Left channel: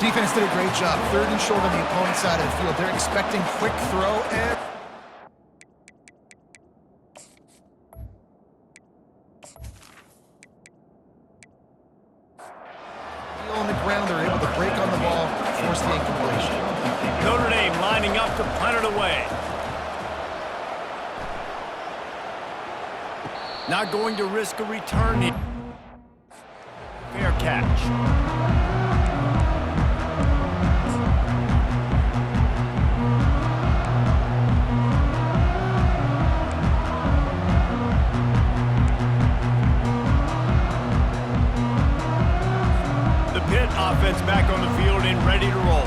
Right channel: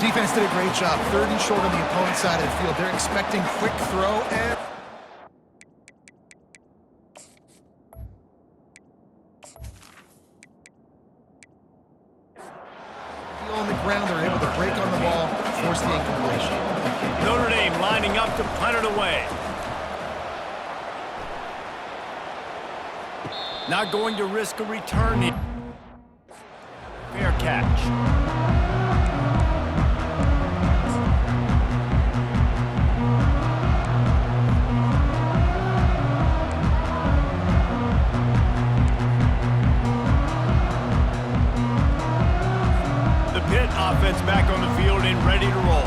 Defense did a great job. 3rd and short on the opponent's side of the field. They're expecting quick throw and... on the ground, they're able to break on the ball, force the incompletion. Notre Dame lining up to punt it away. Not going to risk a return here. Fair catch. Pitt offense back on the field and ready to roll.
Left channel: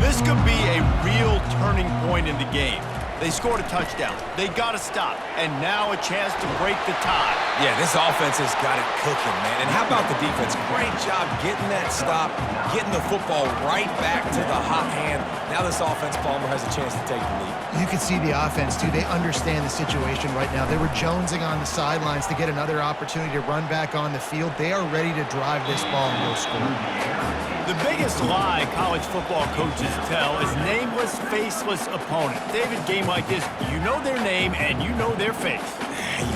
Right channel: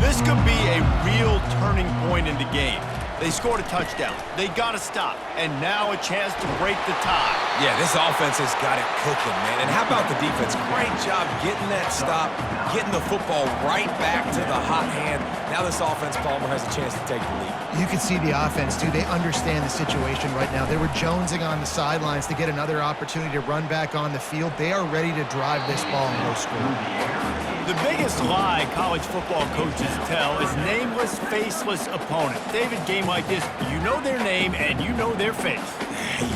This could be a real turning point in the game. They scored a touchdown. They got to stop. And now a chance to break the tie. Yeah, this offense has got it cooking, man. And how about the defense? Great job getting that stop, getting the football right back to the hot hand. Now this offense, Palmer, has a chance to take the lead. You can see the offense, too. They understand the situation right now. They were jonesing on the sidelines to get another opportunity to run back on the field. They are ready to drive this ball and go score. The biggest lie college football coaches tell is nameless, faceless opponent. David, game like this, you know their name and you know their face.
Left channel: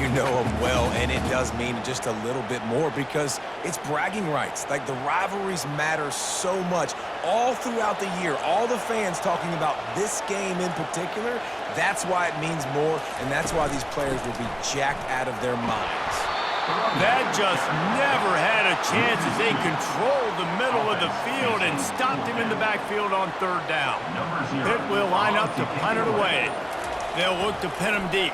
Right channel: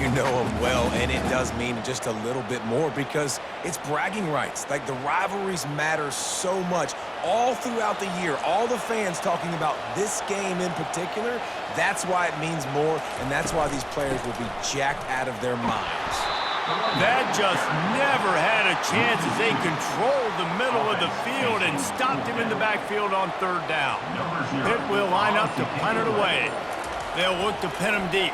You know them well, and it does mean just a little bit more because it's bragging rights. Like, the rivalries matter so much all throughout the year. All the fans talking about this game in particular, that's why it means more, and that's why these players will be jacked out of their minds. That just never had a chance as they controlled the middle of the field and stopped him in the backfield on 3rd down. Pitt will line up to punt it away. They'll look to pin him deep.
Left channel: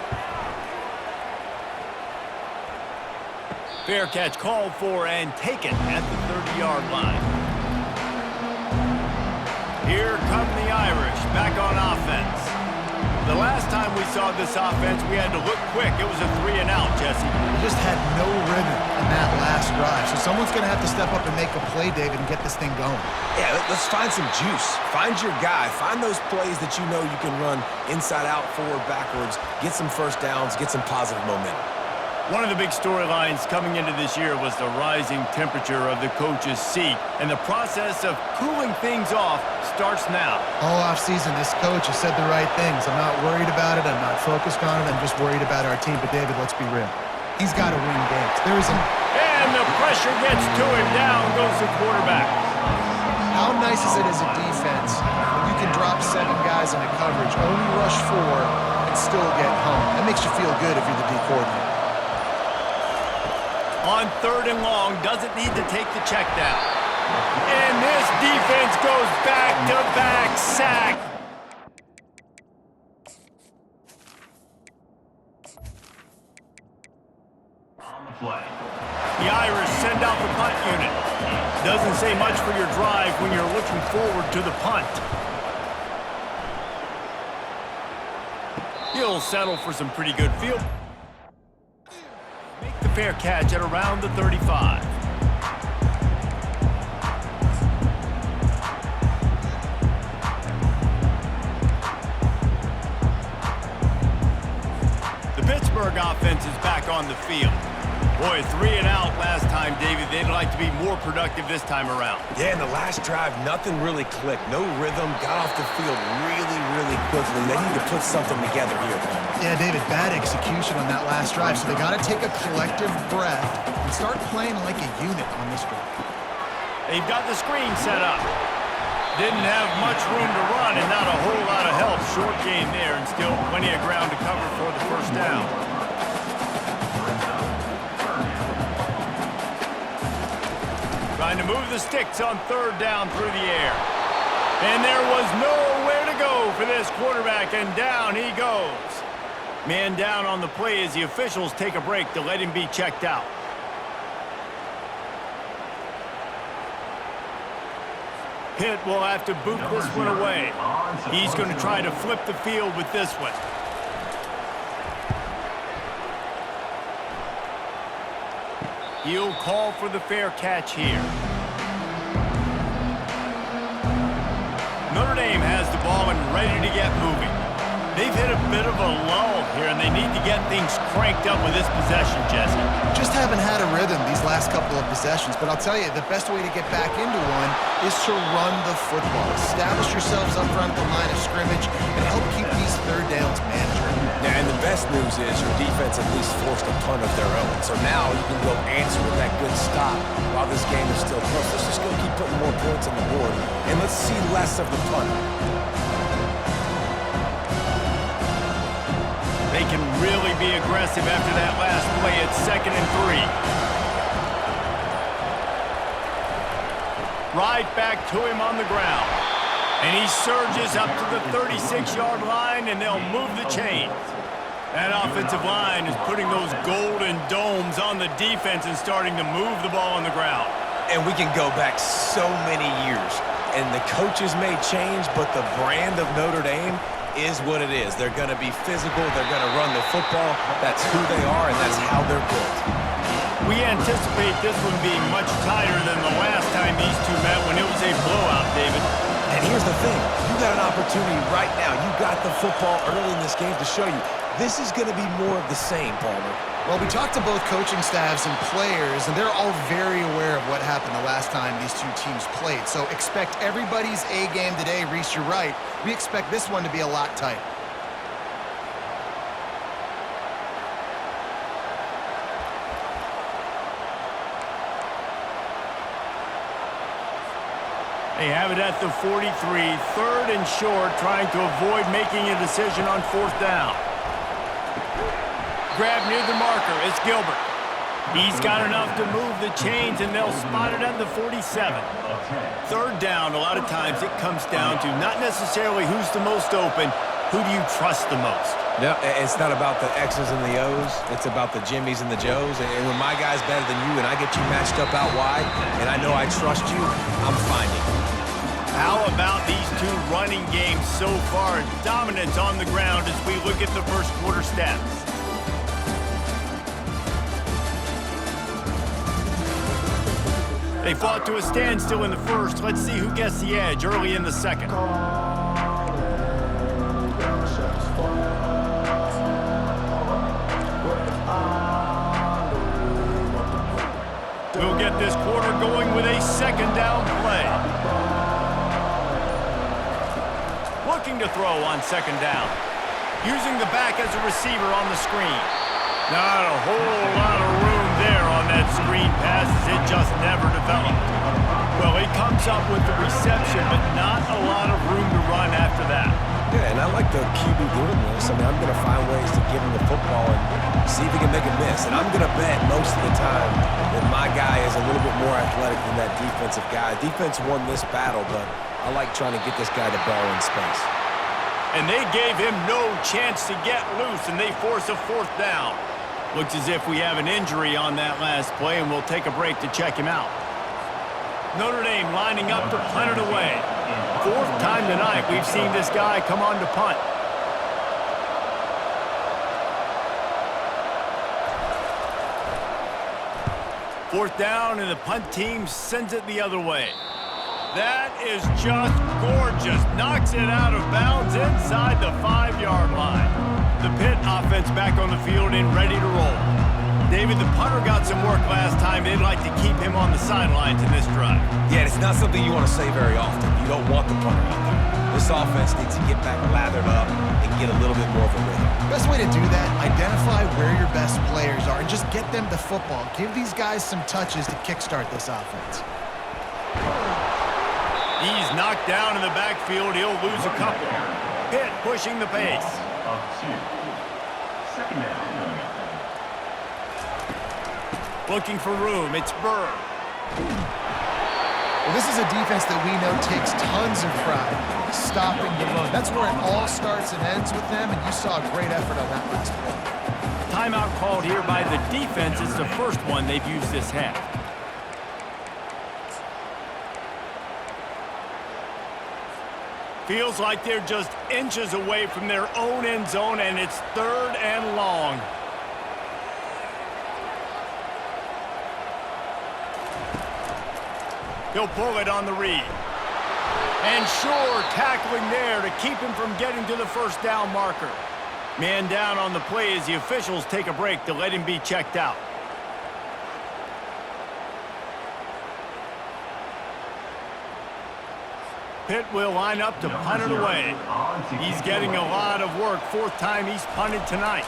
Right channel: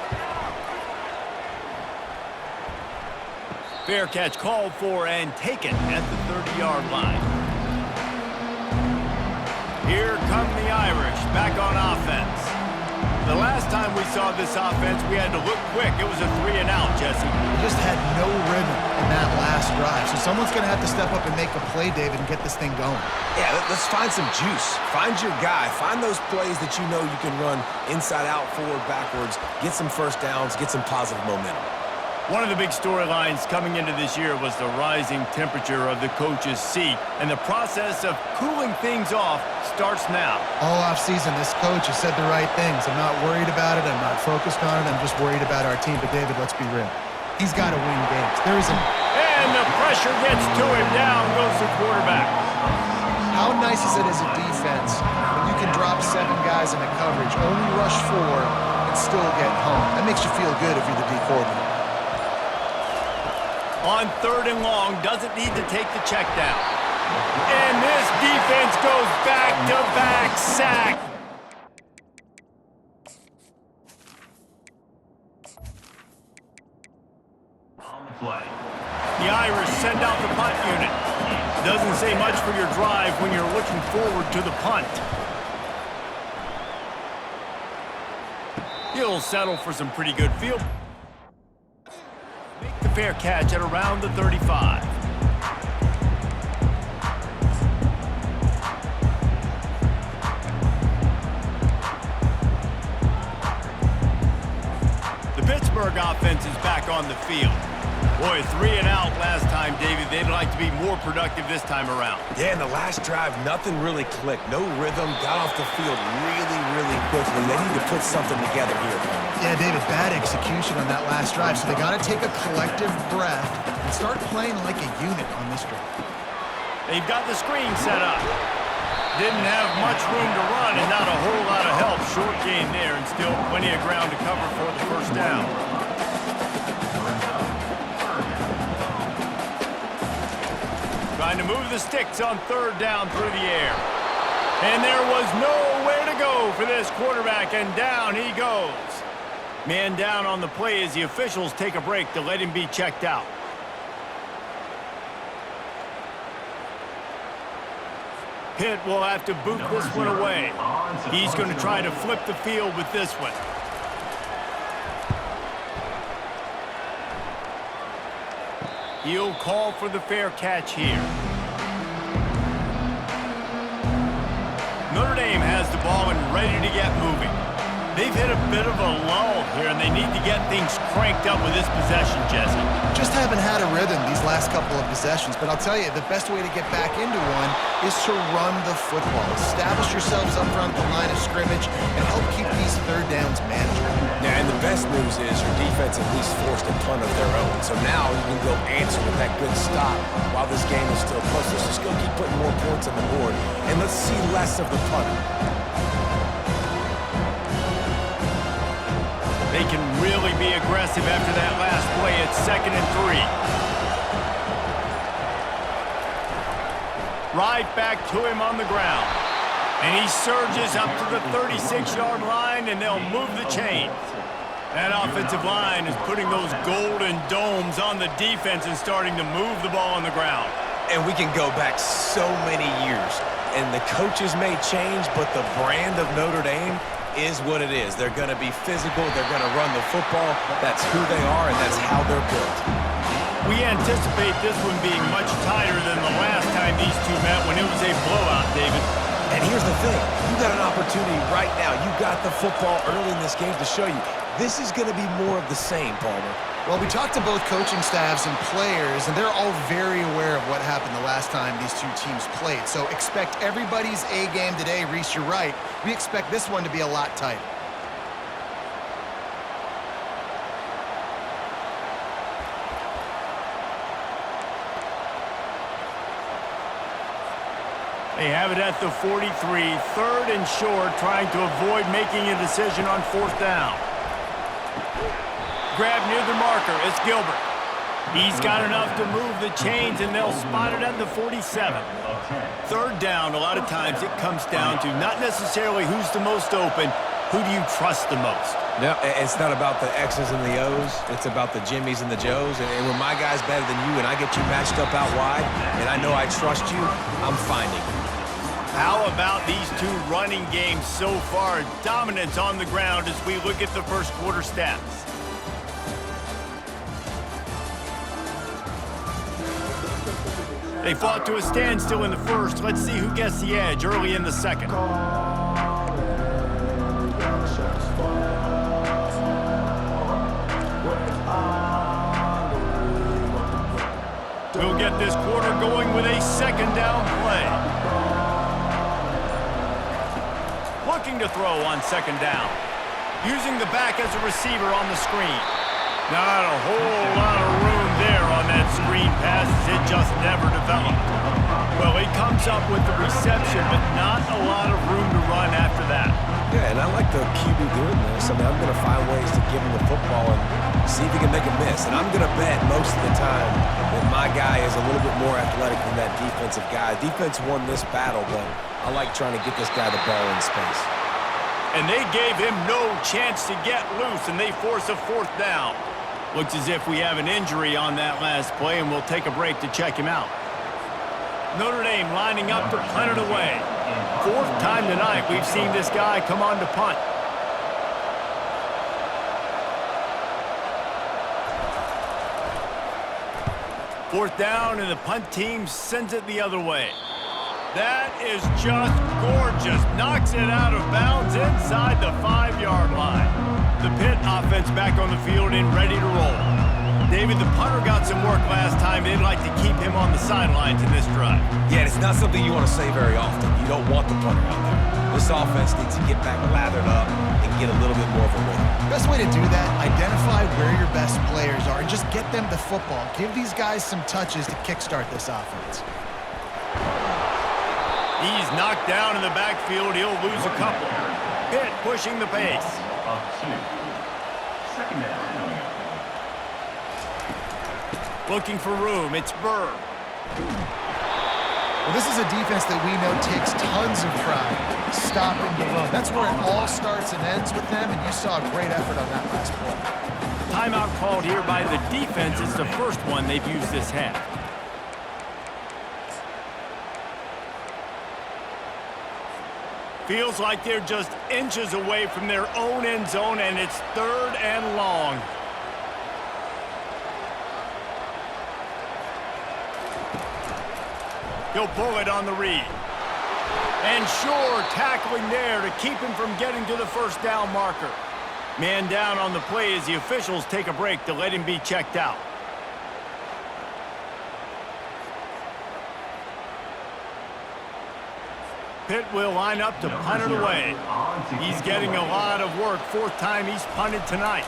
Fair catch called for and taken at the 30-yard line. Here come the Irish back on offense. The last time we saw this offense, we had to look quick. It was a 3-and-out, Jesse. They just had no rhythm in that last drive. So someone's going to have to step up and make a play, David, and get this thing going. Yeah, let's find some juice. Find your guy. Find those plays that you know you can run inside out, forward, backwards, get some first downs, get some positive momentum. One of the big storylines coming into this year was the rising temperature of the coach's seat, and the process of cooling things off starts now. All offseason, this coach has said the right things. I'm not worried about it. I'm not focused on it. I'm just worried about our team. But, David, let's be real. He's got to win games. There isn't... And the pressure gets to him. Down goes the quarterback. How nice is it as a defense when you can drop 7 guys into coverage, only rush 4, and still get home? That makes you feel good if you're the D coordinator. On 3rd and long, doesn't need to take the check down. And this defense goes back-to-back sack. On the play. The Irish send out the punt unit. Doesn't say much for your drive when you're looking forward to the punt. He'll settle for some pretty good field. Make the fair catch at around the 35. The Pittsburgh offense is back on the field. Boy, 3-and-out last time, David. They'd like to be more productive this time around. Yeah, in the last drive, nothing really clicked. No rhythm, got off the field really quickly. They need to put something together here. Yeah, David, bad execution on that last drive, so they got to take a collective breath and start playing like a unit on this drive. They've got the screen set up. Didn't have much room to run and not a whole lot of help. Short gain there and still plenty of ground to cover for the first down. Trying to move the sticks on 3rd down through the air. And there was nowhere to go for this quarterback, and down he goes. Man down on the play as the officials take a break to let him be checked out. Pitt will have to boot this one away. He's going to try to flip the field with this one. He'll call for the fair catch here. Notre Dame has the ball and ready to get moving. They've hit a bit of a lull here, and they need to get things cranked up with this possession, Jesse. Just haven't had a rhythm these last couple of possessions, but I'll tell you, the best way to get back into one is to run the football. Establish yourselves up front at the line of scrimmage and help keep these third downs manageable. Yeah, and the best news is your defense at least forced a punt of their own. So now you can go answer with that good stop while this game is still close. Let's just go keep putting more points on the board, and let's see less of the punter. They can really be aggressive after that last play. It's 2nd and 3. Right back to him on the ground. And he surges up to the 36-yard line, and they'll move the chains. That offensive line is putting those golden domes on the defense and starting to move the ball on the ground. And we can go back so many years, and the coaches may change, but the brand of Notre Dame is what it is. They're going to be physical. They're going to run the football. That's who they are, and that's how they're built. We anticipate this one being much tighter than the last time these two met when it was a blowout, David. And here's the thing. You got an opportunity right now. You got the football early in this game to show you this is going to be more of the same, Palmer. Well, we talked to both coaching staffs and players, and they're all very aware of what happened the last time these two teams played. So expect everybody's A game today. Reese, you're right. We expect this one to be a lot tighter. They have it at the 43, 3rd and short, trying to avoid making a decision on 4th down. Grab near the marker. It's Gilbert. He's got enough to move the chains, and they'll spot it at the 47. 3rd down, a lot of times it comes down to not necessarily who's the most open, who do you trust the most? No, it's not about the X's and the O's. It's about the Jimmies and the Joes. And when my guy's better than you and I get you matched up out wide and I know I trust you, I'm finding you. How about these two running games so far? Dominance on the ground as we look at the first quarter stats. They fought to a standstill in the first. Let's see who gets the edge early in the second. We'll get this quarter going with a 2nd down play. Looking to throw on 2nd down. Using the back as a receiver on the screen. Not a whole lot of room there on that screen pass as it just never developed. Well, he comes up with the reception, but not a lot of room to run after that. Yeah, and I like the QB doing this. I mean, I'm going to find ways to give him the football and see if he can make a miss. And I'm going to bet most of the time that my guy is a little bit more athletic than that defensive guy. Defense won this battle, but I like trying to get this guy the ball in space. And they gave him no chance to get loose, and they force a 4th down. Looks as if we have an injury on that last play, and we'll take a break to check him out. Notre Dame lining up to punt it away. 4th time tonight we've seen this guy come on to punt. Fourth down, and the punt team sends it the other way. That is just gorgeous. Knocks it out of bounds inside the 5-yard line. The Pitt offense back on the field and ready to roll. David, the punter got some work last time. They'd like to keep him on the sidelines in this drive. Yeah, it's not something you want to say very often. You don't want the punter out there. This offense needs to get back lathered up and get a little bit more of a rhythm. Best way to do that, identify where your best players are and just get them the football. Give these guys some touches to kickstart this offense. He's knocked down in the backfield. He'll lose a couple. Pitt pushing the pace. Second down. Looking for room. It's Burr. Well, this is a defense that we know takes tons of pride stopping the run. That's where it all starts and ends with them, and you saw a great effort on that last play. Timeout called here by the defense. It's the first one they've used this half. Feels like they're just inches away from their own end zone, and it's 3rd and long. He'll pull it on the read. And sure, tackling there to keep him from getting to the first down marker. Man down on the play as the officials take a break to let him be checked out. Pitt will line up to punt it away. He's getting a lot of work. Fourth time he's punted tonight.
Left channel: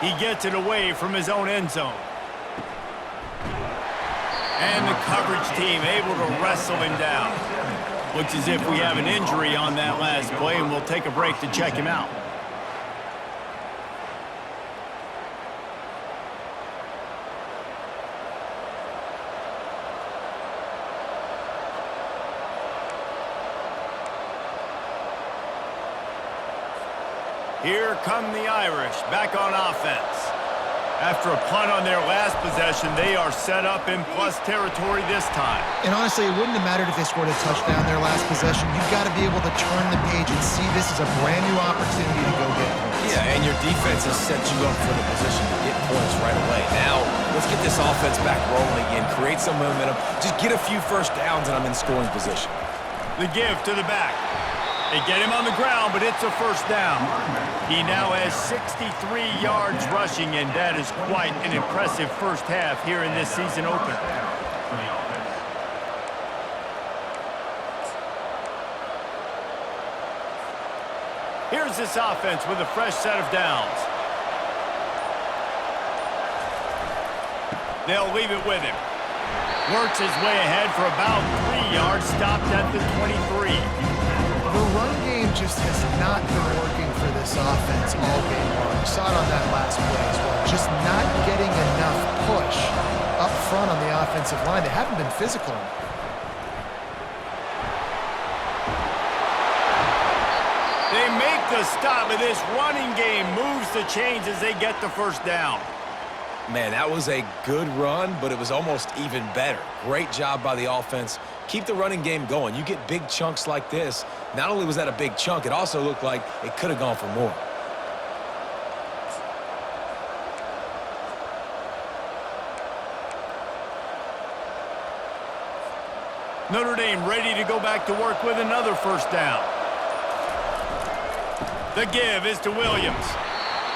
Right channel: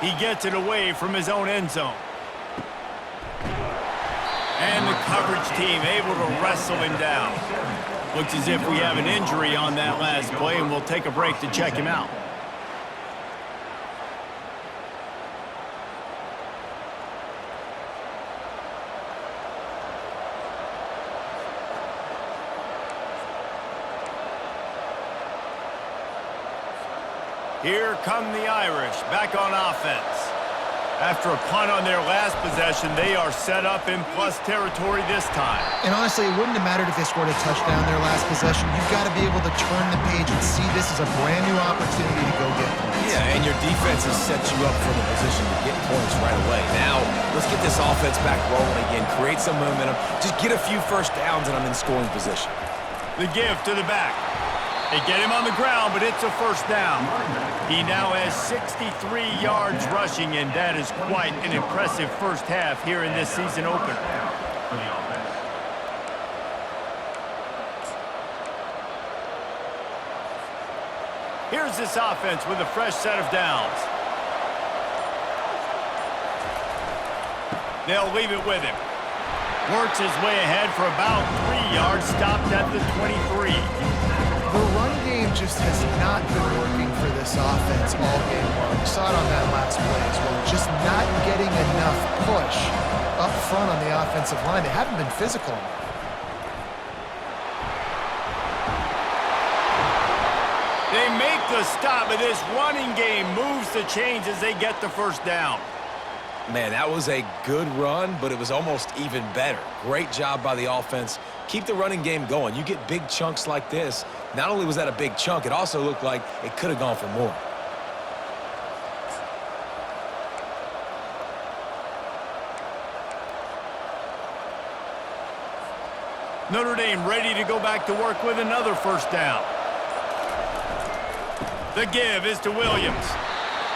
He gets it away from his own end zone. And the coverage team able to wrestle him down. Looks as if we have an injury on that last play, and we'll take a break to check him out. Here come the Irish, back on offense. After a punt on their last possession, they are set up in plus territory this time. And honestly, it wouldn't have mattered if they scored a touchdown their last possession. You've got to be able to turn the page and see this as a brand new opportunity to go get points. Yeah, and your defense has set you up for the position to get points right away. Now, let's get this offense back rolling again, create some momentum, just get a few first downs, and I'm in scoring position. The give to the back. They get him on the ground, but it's a first down. He now has 63 yards rushing, and that is quite an impressive first half here in this season opener. Here's this offense with a fresh set of downs. They'll leave it with him. Works his way ahead for about 3 yards, stopped at the 23. The run game just has not been working for this offense all game long. You saw it on that last play as well. Just not getting enough push up front on the offensive line. They haven't been physical enough. They make the stop, but this running game moves the chains as they get the first down. Man, that was a good run, but it was almost even better. Great job by the offense. Keep the running game going. You get big chunks like this. Not only was that a big chunk, it also looked like it could have gone for more. Notre Dame ready to go back to work with another first down. The give is to Williams.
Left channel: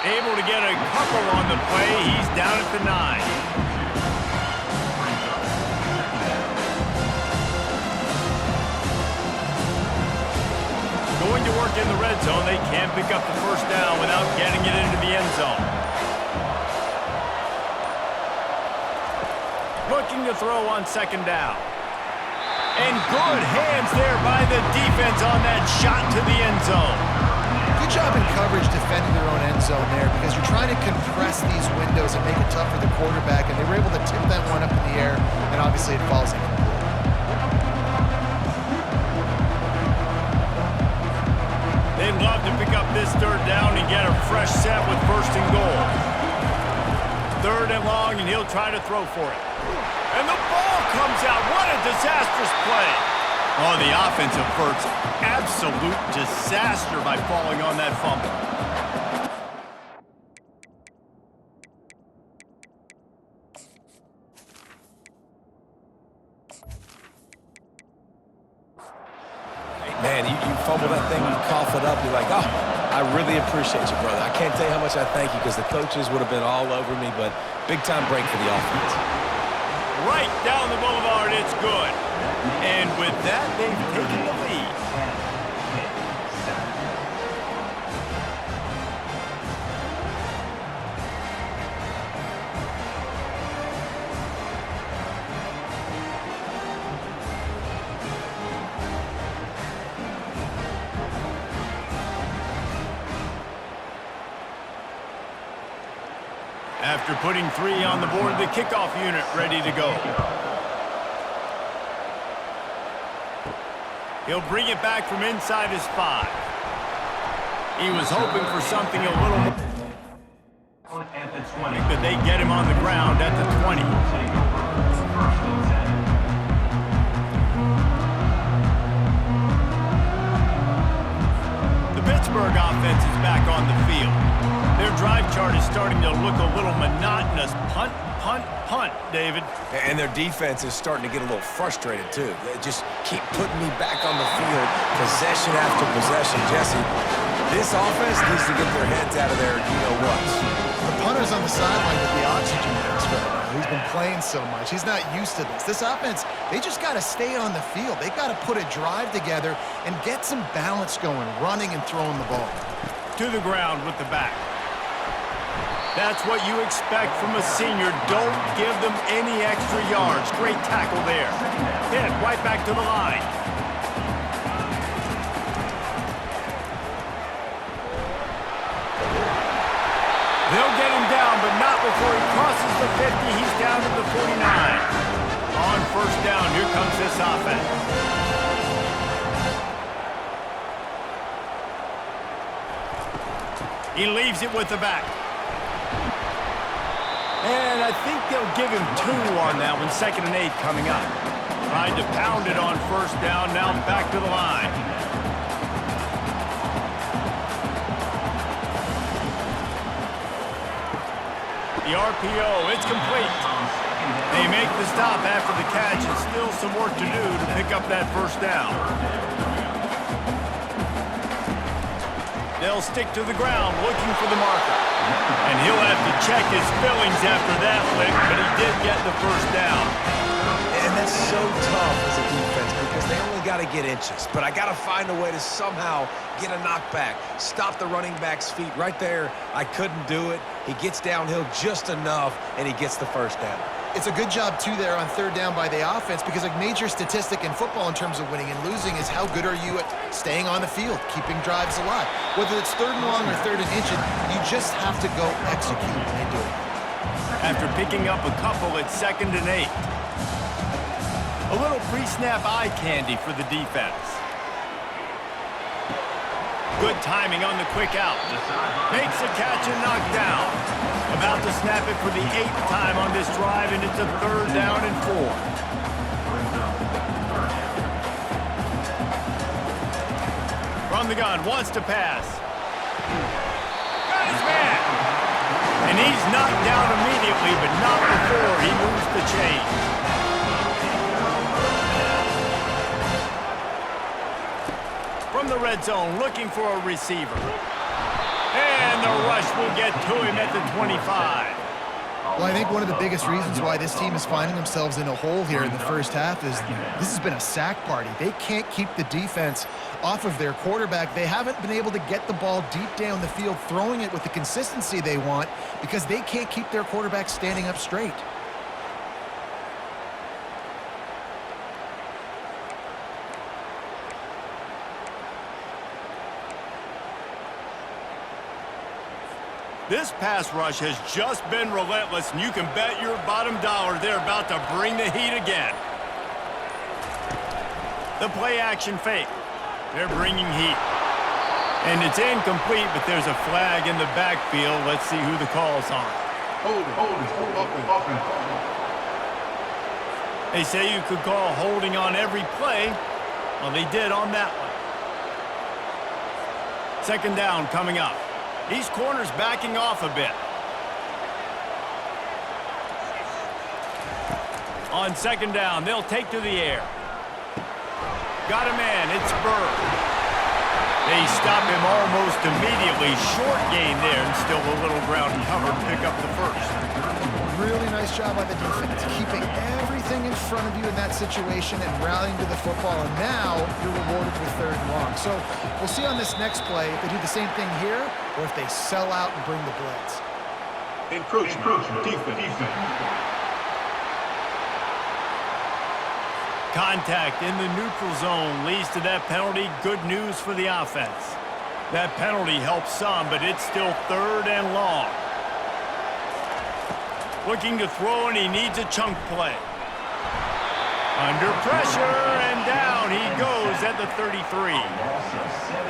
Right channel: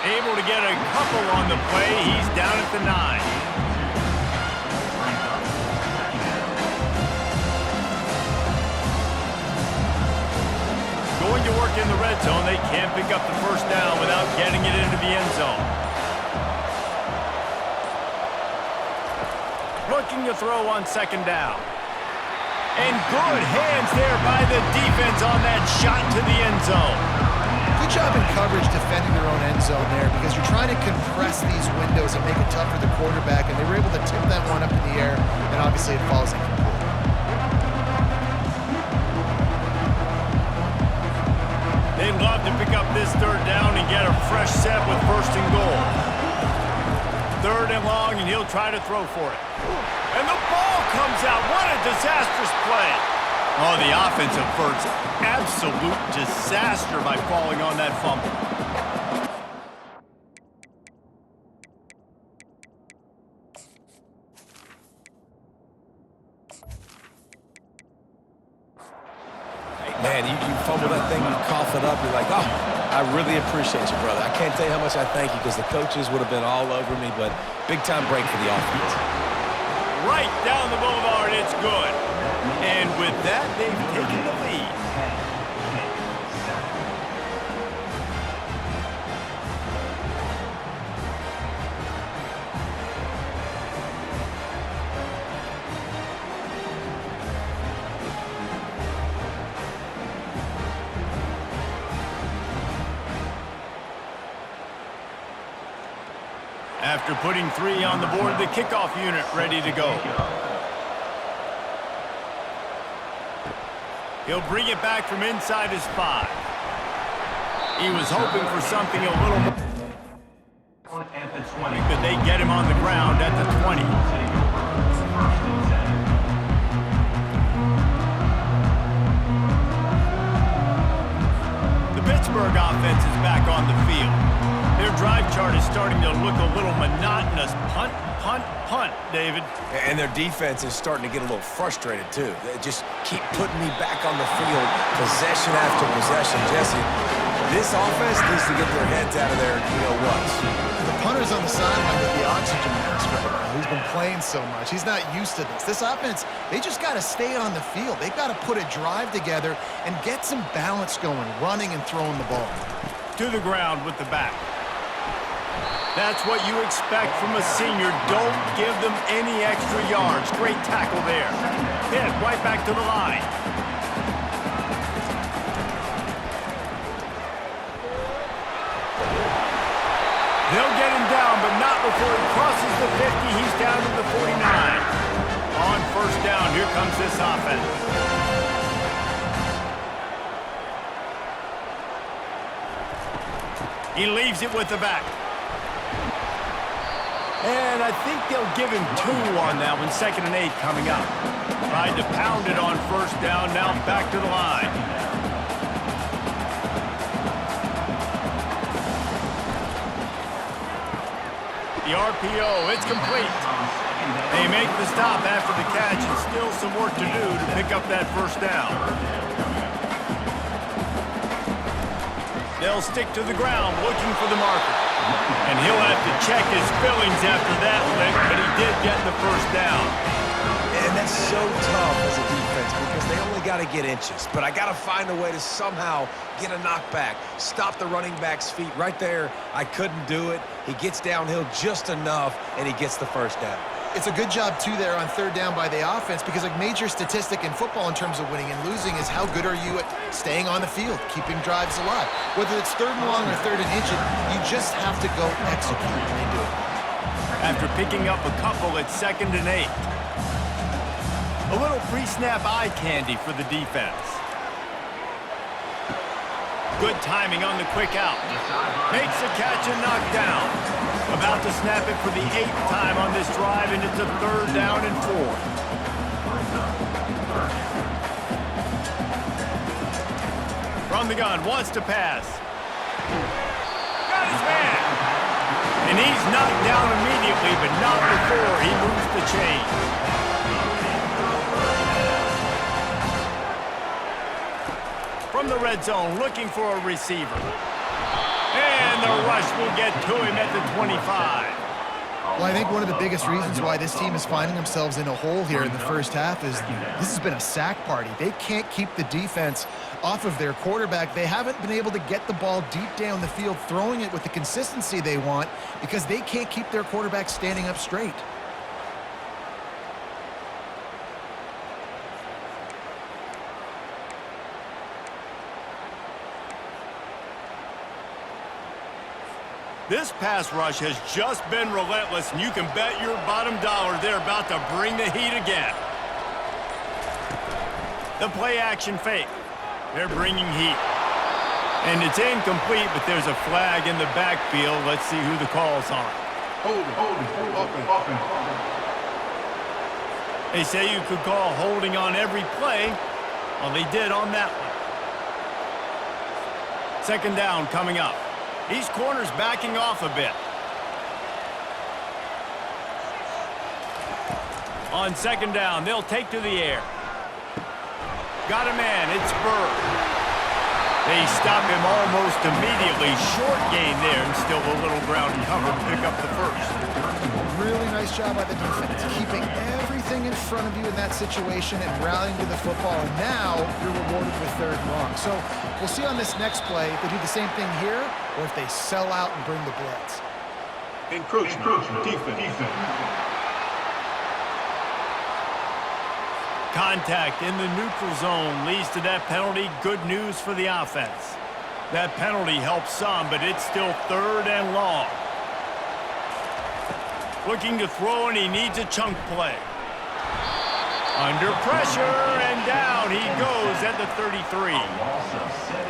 Able to get a couple on the play. He's down at the 9. Going to work in the red zone. They can't pick up the first down without getting it into the end zone. Looking to throw on second down. And good hands there by the defense on that shot to the end zone. Good job in coverage defending their own end zone there, because you're trying to compress these windows and make it tough for the quarterback, and they were able to tip that one up in the air, and obviously it falls incomplete. They'd love to pick up this third down and get a fresh set with first and goal. Third and long, and he'll try to throw for it. And the ball comes out. What a disastrous play. Oh, the offense averts absolute disaster by falling on that fumble. Hey, man, you fumble that thing, you cough it up, you're like, oh, I really appreciate you, brother. I can't tell you how much I thank you, because the coaches would have been all over me, but big-time break for the offense. Right down the boulevard, it's good. And with that, they've taken the lead. After putting 3 on the board, the kickoff unit ready to go. He'll bring it back from inside his 5. He was hoping for something a little more, but they get him on the ground at the 20. The Pittsburgh offense is back on the field. Their drive chart is starting to look a little monotonous. Punt, punt, punt, David. And their defense is starting to get a little frustrated, too. They just keep putting me back on the field, possession after possession. Jesse, this offense needs to get their heads out of their you-know-whats. The punter's on the sideline with the oxygen mask right now. He's been playing so much. He's not used to this. This offense, they just got to stay on the field. They've got to put a drive together and get some balance going, running and throwing the ball. To the ground with the back. That's what you expect from a senior. Don't give them any extra yards. Great tackle there. Pitt right back to the line. They'll get him down, but not before he crosses the 50. He's down to the 49. On first down, here comes this offense. He leaves it with the back. And I think they'll give him 2 on that one. 2nd and 8 coming up. Tried to pound it on first down, now back to the line. The RPO, it's complete. They make the stop after the catch, and still some work to do to pick up that first down. They'll stick to the ground looking for the marker. And he'll have to check his fillings after that lick, but he did get the first down. And that's so tough as a defense because they only got to get inches. But I got to find a way to somehow get a knockback, stop the running back's feet right there. I couldn't do it. He gets downhill just enough, and he gets the first down. It's a good job, too, there on third down by the offense because a major statistic in football in terms of winning and losing is how good are you at staying on the field, keeping drives alive. Whether it's 3rd and long or 3rd and inches, you just have to go execute, and they do it. After picking up a couple, it's 2nd and 8. A little pre-snap eye candy for the defense. Good timing on the quick out. Makes a catch and knocked down. About to snap it for the 8th time on this drive, and it's a 3rd down and 4. From the gun, wants to pass. Got his man. And he's knocked down immediately, but not before he moves the chains. From the red zone, looking for a receiver. And the rush will get to him at the 25. Well, I think one of the biggest reasons why this team is finding themselves in a hole here in the first half is this has been a sack party. They can't keep the defense off of their quarterback. They haven't been able to get the ball deep down the field, throwing it with the consistency they want because they can't keep their quarterback standing up straight. This pass rush has just been relentless, and you can bet your bottom dollar they're about to bring the heat again. The play-action fake. They're bringing heat. And it's incomplete, but there's a flag in the backfield. Let's see who the call's on. Holding, offense. They say you could call holding on every play. Well, they did on that one. 2nd down coming up. These corners backing off a bit. On 2nd down, they'll take to the air. Got a man, it's Bird. They stop him almost immediately. Short gain there, and still a little ground cover to pick up the first. Really nice job by the defense, keeping everything in front of you in that situation and rallying to the football. And now you're rewarded with 3rd and long. So we'll see on this next play if they do the same thing here or if they sell out and bring the blitz. Encroachment. Defense. Contact in the neutral zone leads to that penalty. Good news for the offense. That penalty helps some, but it's still 3rd and long. Looking to throw, and he needs a chunk play. Under pressure, and down he goes at the 33.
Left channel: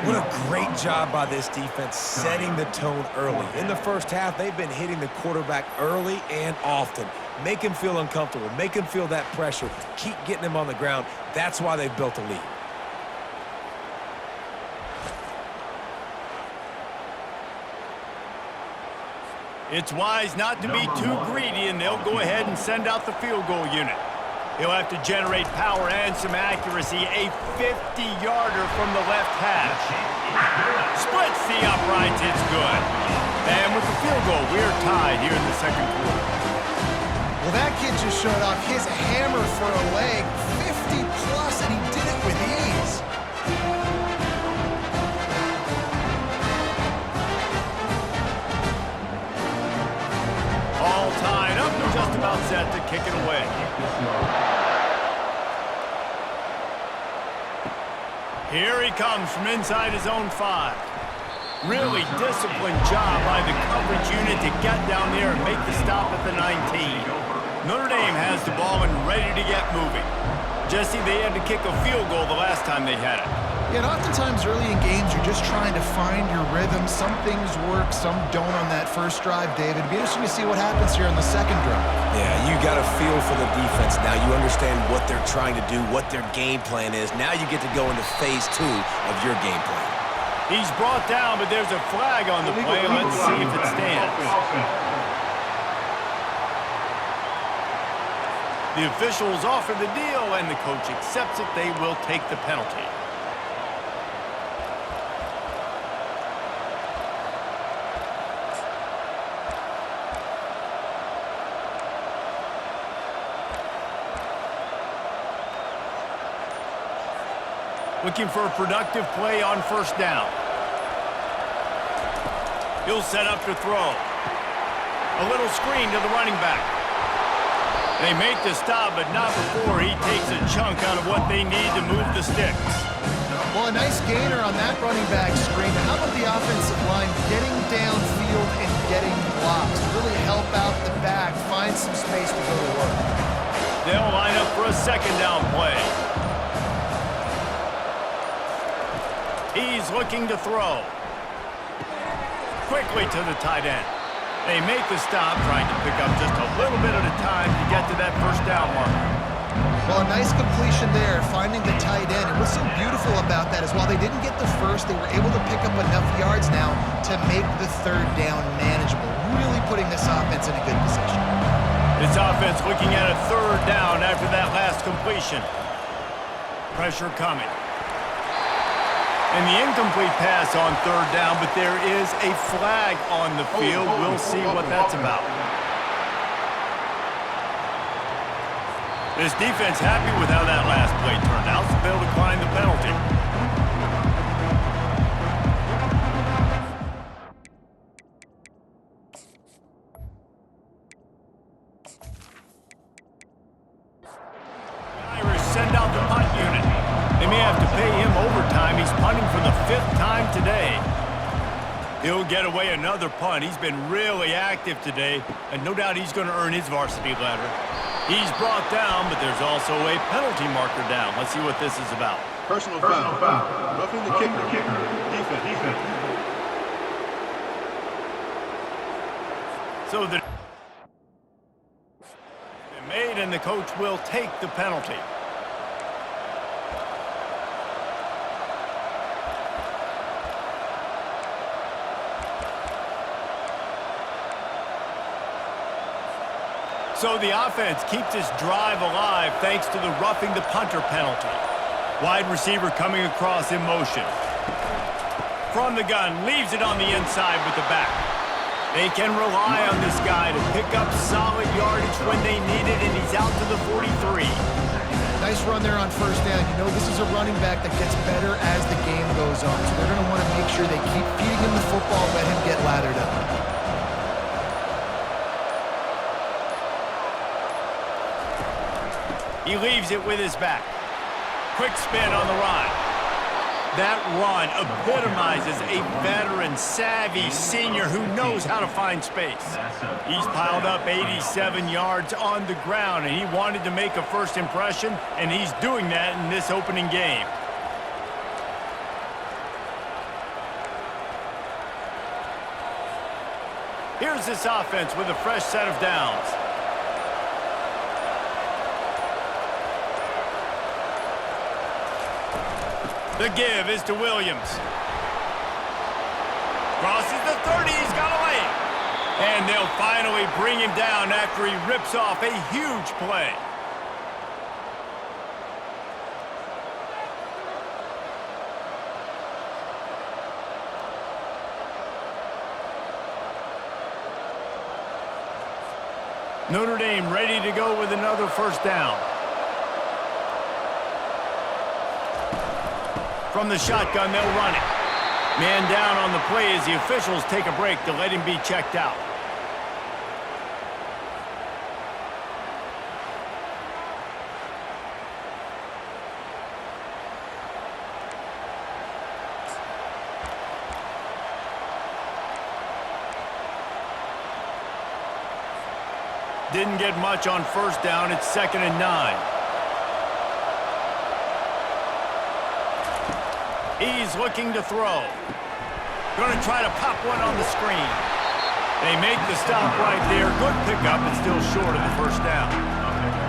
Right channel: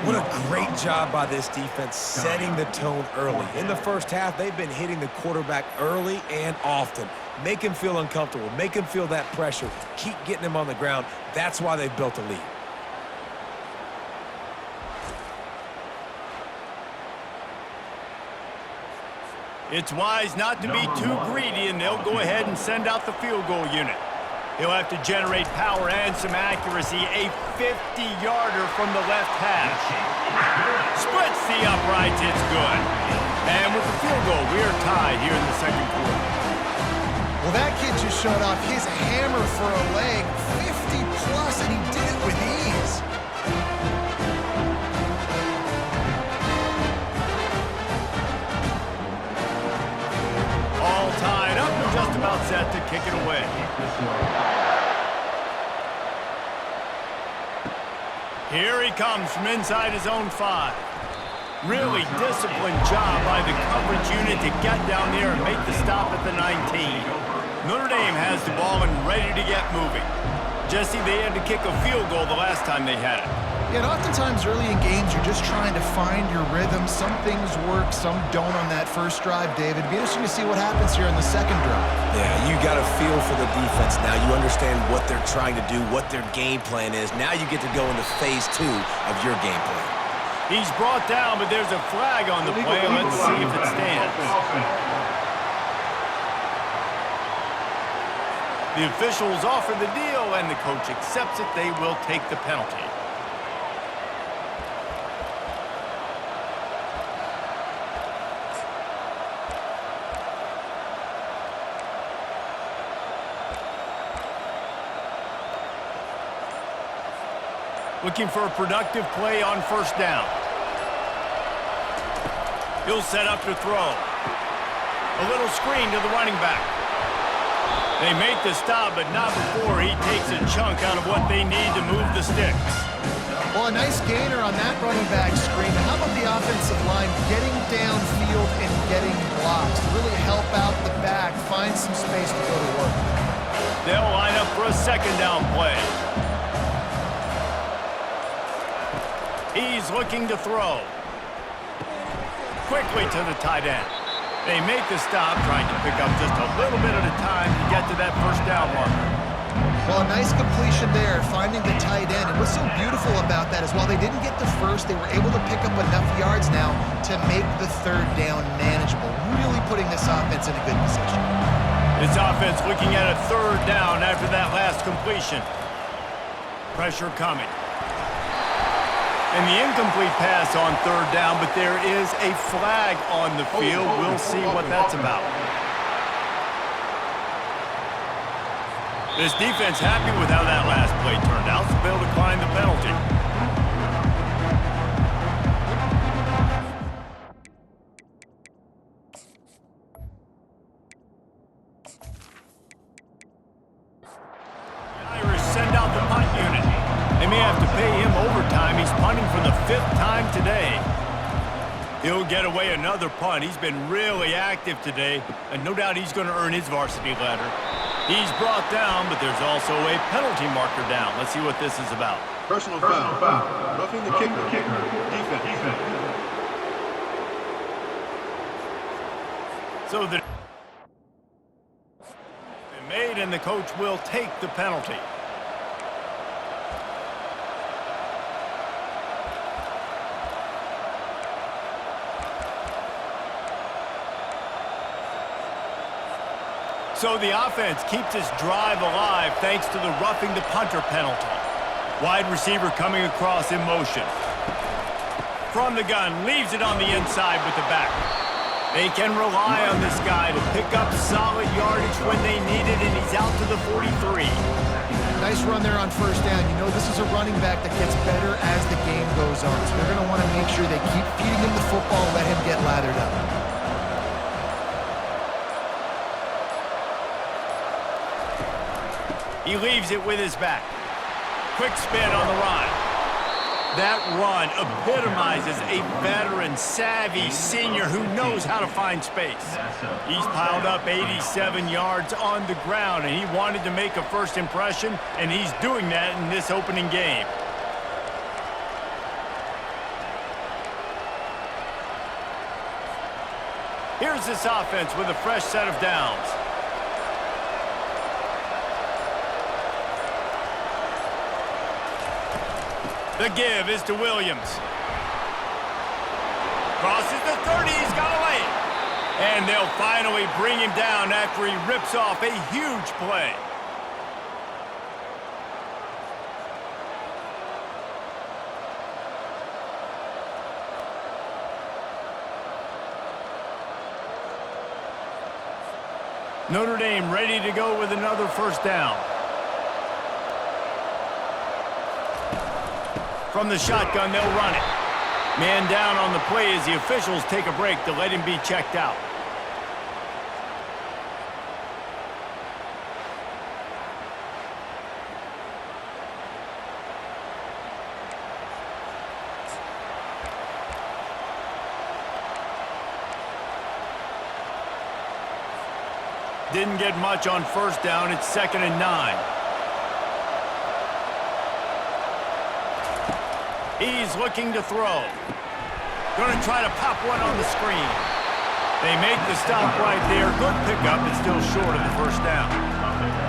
What a great job by this defense setting the tone early. In the first half, they've been hitting the quarterback early and often. Make him feel uncomfortable. Make him feel that pressure. Keep getting him on the ground. That's why they've built a lead. It's wise not to be too greedy, and they'll go ahead and send out the field goal unit. He'll have to generate power and some accuracy. A 50-yarder from the left hash. Splits the uprights. It's good. And with the field goal, we're tied here in the second quarter. Well, that kid just showed off his hammer for a leg, 50-plus, and he did it with ease. All tied up and just about set to kick it away. Here he comes from inside his own 5. Really disciplined job by the coverage unit to get down there and make the stop at the 19. Notre Dame has the ball and ready to get moving. Jesse, they had to kick a field goal the last time they had it. Yeah, and oftentimes early in games, you're just trying to find your rhythm. Some things work, some don't on that first drive, David. It'd be interesting to see what happens here on the second drive. Yeah, you got a feel for the defense now. You understand what they're trying to do, what their game plan is. Now you get to go into phase 2 of your game plan. He's brought down, but there's a flag on the play. Let's see if it stands. The officials offer the deal, and the coach accepts it. They will take the penalty. Looking for a productive play on first down. He'll set up to throw. A little screen to the running back. They make the stop, but not before he takes a chunk out of what they need to move the sticks. Well, a nice gainer on that running back screen. But how about the offensive line getting downfield and getting blocks to really help out the back, find some space to go to work? They'll line up for a second down play. He's looking to throw. Quickly to the tight end. They make the stop, trying to pick up just a little bit at a time to get to that first down marker. Well, a nice completion there, finding the tight end. And what's so beautiful about that is while they didn't get the first, they were able to pick up enough yards now to make the third down manageable, really putting this offense in a good position. This offense looking at a third down after that last completion. Pressure coming. And the incomplete pass on third down, but there is a flag on the field. We'll see what that's about. This defense happy with how that last play turned out, so they'll decline the penalty. The Irish send out the punt unit. They may have to pay him overtime. He's punting for the 5th time today. He'll get away another punt. He's been really active today, and no doubt he's going to earn his varsity letter. He's brought down, but there's also a penalty marker down. Let's see what this is about. Personal foul. Roughing the kicker. Defense. So the made, and the coach will take the penalty. So the offense keeps this drive alive thanks to the roughing the punter penalty. Wide receiver coming across in motion. From the gun, leaves it on the inside with the back. They can rely on this guy to pick up solid yardage when they need it, and he's out to the 43. Nice run there on first down. You know this is a running back that gets better as the game goes on. So they're going to want to make sure they keep feeding him the football, let him get lathered up. He leaves it with his back. Quick spin on the run. That run epitomizes a veteran, savvy senior who knows how to find space. He's piled up 87 yards on the ground, and he wanted to make a first impression, and he's doing that in this opening game. Here's this offense with a fresh set of downs. The give is to Williams. Crosses the 30, he's got away. And they'll finally bring him down after he rips off a huge play. Notre Dame ready to go with another first down. From the shotgun, they'll run it. Man down on the play as the officials take a break to let him be checked out. Didn't get much on first down. It's 2nd and 9. He's looking to throw. Going to try to pop one on the screen. They make the stop right there. Good pickup, but still short of the first down.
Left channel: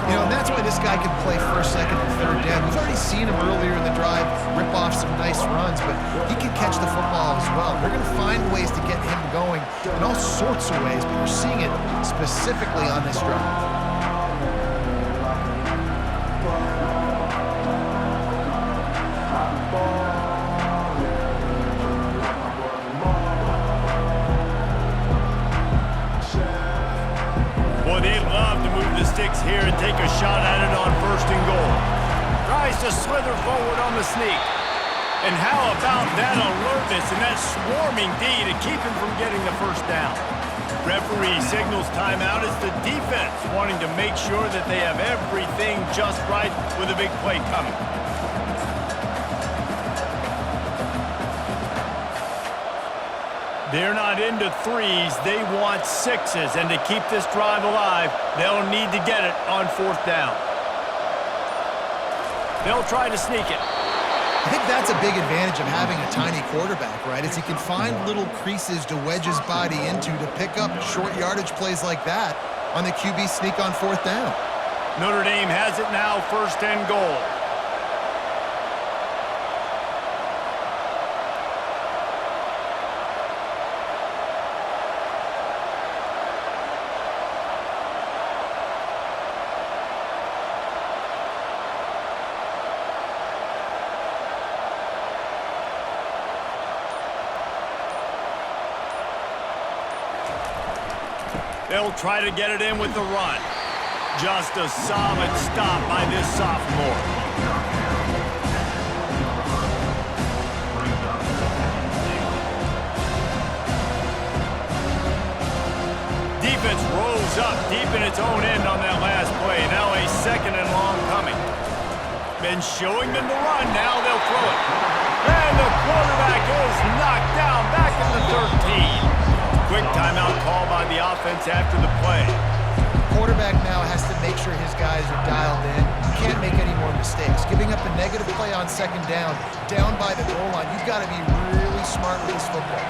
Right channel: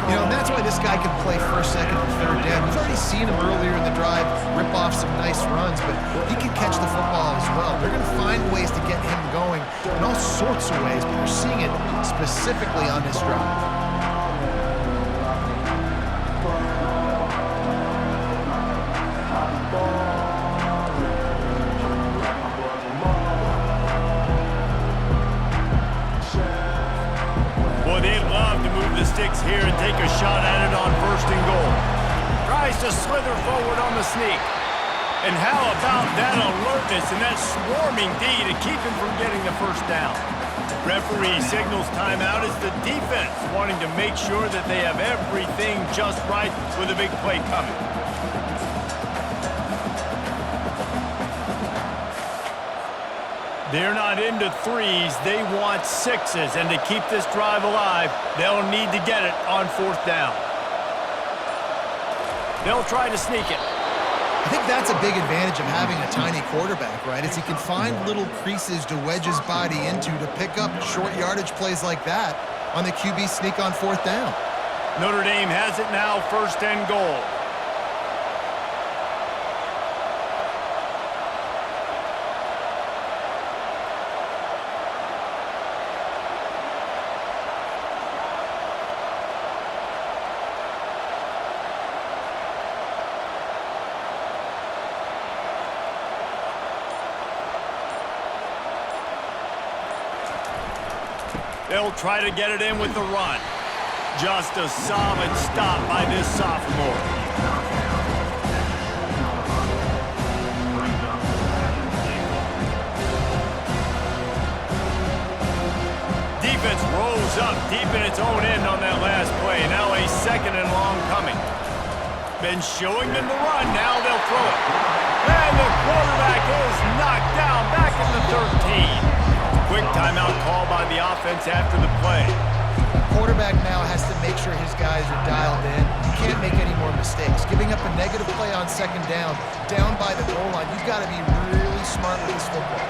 You know, and that's why this guy can play first, second, and third down. We've already seen him earlier in the drive rip off some nice runs, but he can catch the football as well. They're going to find ways to get him going in all sorts of ways, but you're seeing it specifically on this drive. They'd love to move the sticks here and take a shot at it on 1st and goal. Tries to slither forward on the sneak. And how about that alertness and that swarming D to keep him from getting the first down? Referee signals timeout as the defense wanting to make sure that they have everything just right with a big play coming. They're not into threes, they want sixes, and to keep this drive alive, they'll need to get it on 4th down. They'll try to sneak it. I think that's a big advantage of having a tiny quarterback, right? Is he can find little creases to wedge his body into to pick up short yardage plays like that on the QB sneak on 4th down. Notre Dame has it now, 1st and goal. They'll try to get it in with the run. Just a solid stop by this sophomore. Defense rose up deep in its own end on that last play. Now a 2nd and long coming. Been showing them the run. Now they'll throw it. And the quarterback is knocked down back at the 13. Quick timeout call by the offense after the play. Quarterback now has to make sure his guys are dialed in. You can't make any more mistakes. Giving up a negative play on 2nd down by the goal line, you've got to be really smart with this football.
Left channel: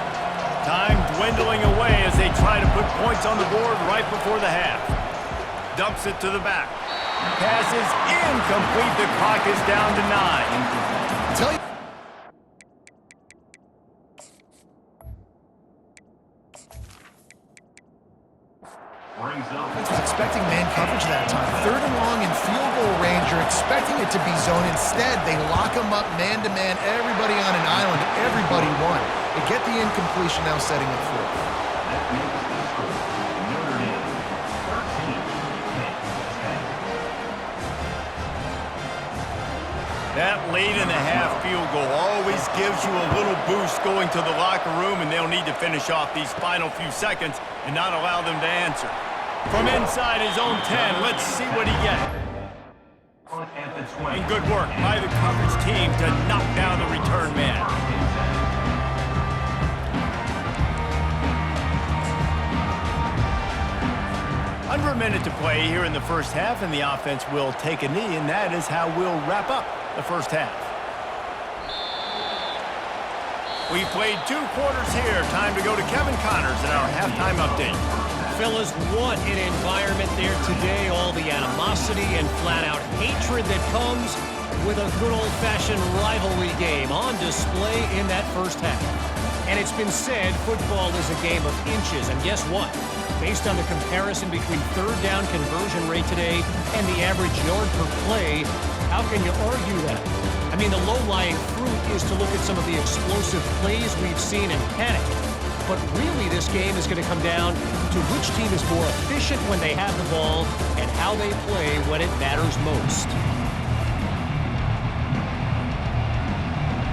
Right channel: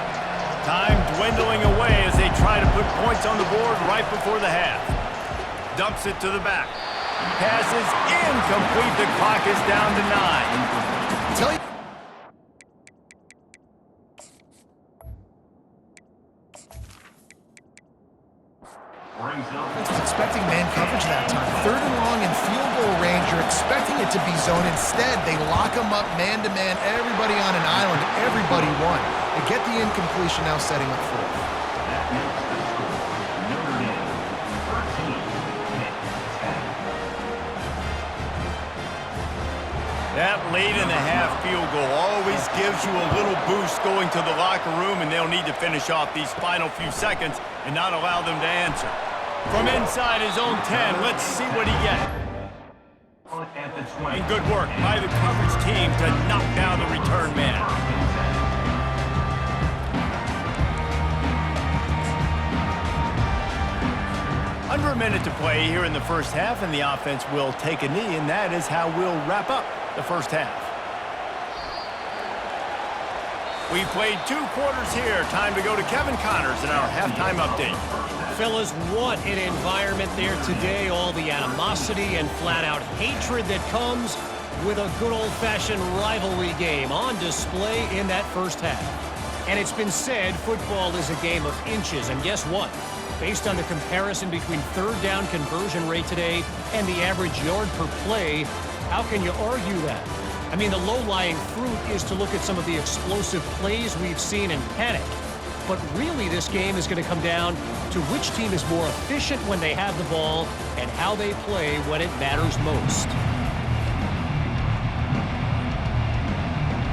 Time dwindling away as they try to put points on the board right before the half. Dumps it to the back. Pass is incomplete. The clock is down to 9. Tell you. Defense was expecting man coverage that time. 3rd and long in field goal range. You're expecting it to be zone. Instead, they lock them up man-to-man. Everybody on an island. Everybody won. They get the incompletion now setting up 4th. That makes the score Notre Dame 13, Pitt 10. That late in the half field goal always gives you a little boost going to the locker room, and they'll need to finish off these final few seconds and not allow them to answer. From inside his own 10, let's see what he gets. And good work by the coverage team to knock down the return man. Under a minute to play here in the first half, and the offense will take a knee, and that is how we'll wrap up the first half. We've played 2 quarters here. Time to go to Kevin Connors in our halftime update. Fellas, what an environment there today. All the animosity and flat-out hatred that comes with a good old-fashioned rivalry game on display in that first half. And it's been said football is a game of inches. And guess what? Based on the comparison between third down conversion rate today and the average yard per play, how can you argue that? I mean, the low-lying fruit is to look at some of the explosive plays we've seen and panic. But really, this game is going to come down to which team is more efficient when they have the ball and how they play when it matters most.